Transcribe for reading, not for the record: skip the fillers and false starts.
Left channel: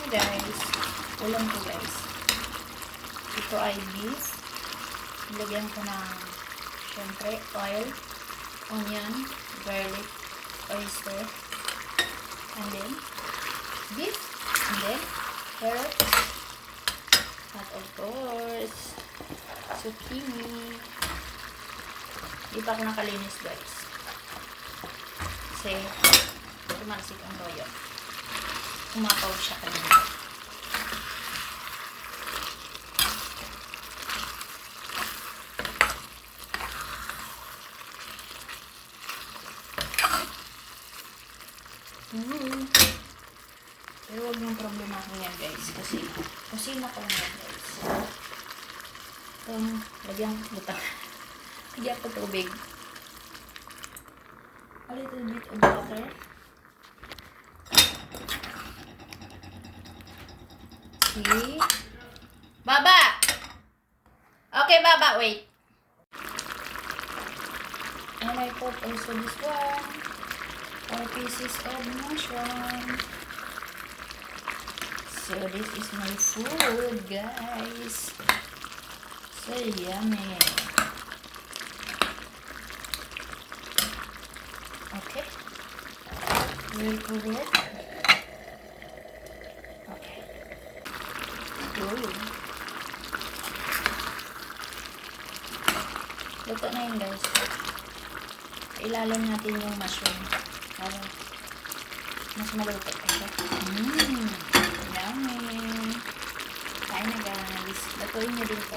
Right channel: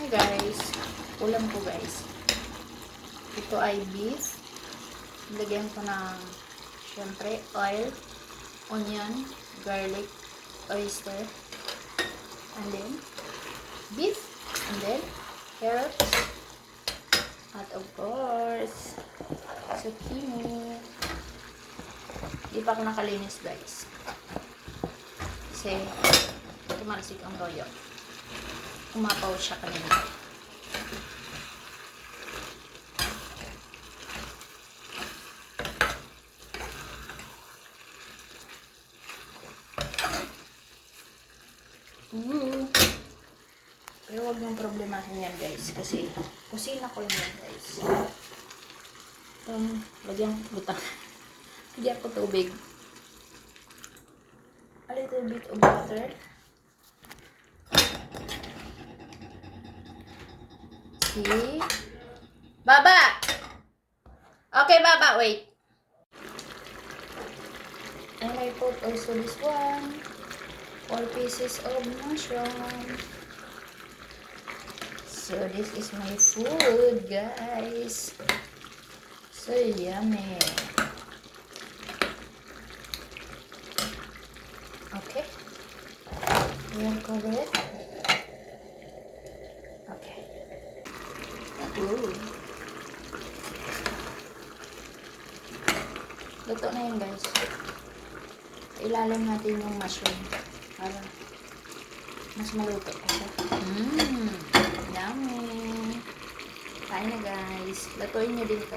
Hey guys, ulam ko guys. Ito ay beef. Lagyan ko ng syempre oil, onion, garlic, oyster, and then beef, and then carrots, at of course zucchini. Di pa ako nakalinis guys kasi tumalsik ang toyo. Umapaw siya kanina. Pero huwag niyong problemahin yan guys kasi kusina ko lang yan guys. Lagyan butang. Lagyan ko tubig. A little bit of water. See? Baba! Okay, Baba, wait. And I put also this one. 4 pieces of mushroom. So this is my food, guys. So yummy. Okay. We'll cover it. Okay. Ooh. Luto na yun, guys. Ilalim natin yung mushroom. Para mas maluto pa siya. Yummy. Kain na guys. Lutuin nyo dito.